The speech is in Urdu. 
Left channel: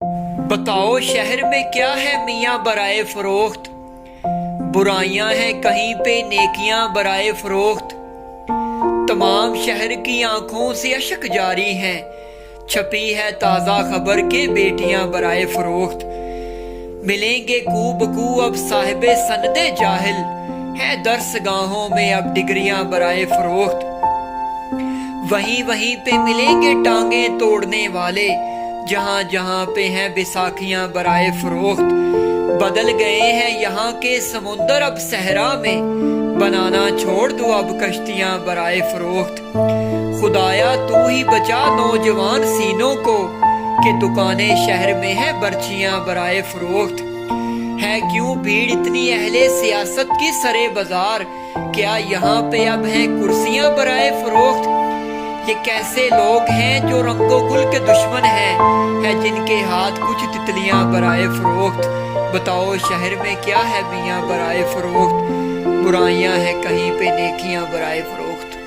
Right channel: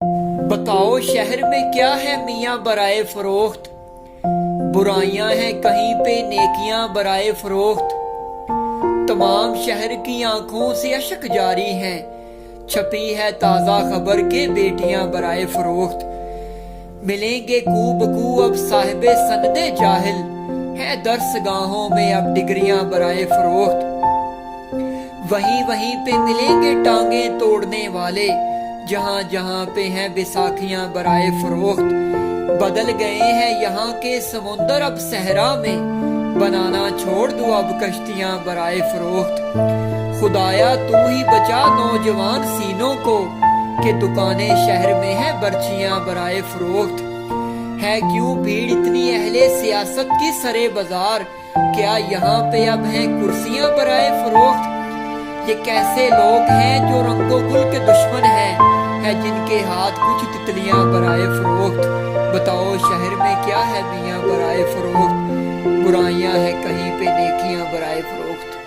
بتاؤ شہر میں کیا ہے میاں برائے فروخت؟ برائیاں ہیں کہیں پہ نیکیاں برائے فروخت۔ تمام شہر کی آنکھوں سے اشک جاری ہیں، چھپی ہے تازہ خبر کے بیٹیاں برائے فروخت۔ ملیں گے کو بکو اب صاحب سند جاہل، ہے درس گاہوں میں اب ڈگریاں برائے فروخت۔ وہیں پہ ملیں گے ٹانگیں توڑنے والے، جہاں جہاں پہ ہیں بیساکھیاں برائے فروخت۔ بدل گئے ہیں یہاں کے سمندر اب صحرا میں، بنانا چھوڑ دو اب کشتیاں برائے فروخت۔ خدایا تو ہی بچا نوجوان سینوں کو، کہ دکانیں شہر میں ہیں برچیاں برائے فروخت۔ ہے کیوں بھیڑ اتنی اہل سیاست کی سرے بازار، کیا یہاں پہ اب ہیں کرسیاں برائے فروخت؟ یہ کیسے لوگ ہیں جو رنگ و گل کے دشمن ہیں، ہے جن کے ہاتھ کچھ تتلیاں برائے فروخت۔ بتاؤ شہر میں کیا ہے میاں برائے فروخت؟ برائیاں ہیں کہیں پہ نیکیاں برائے فروخت۔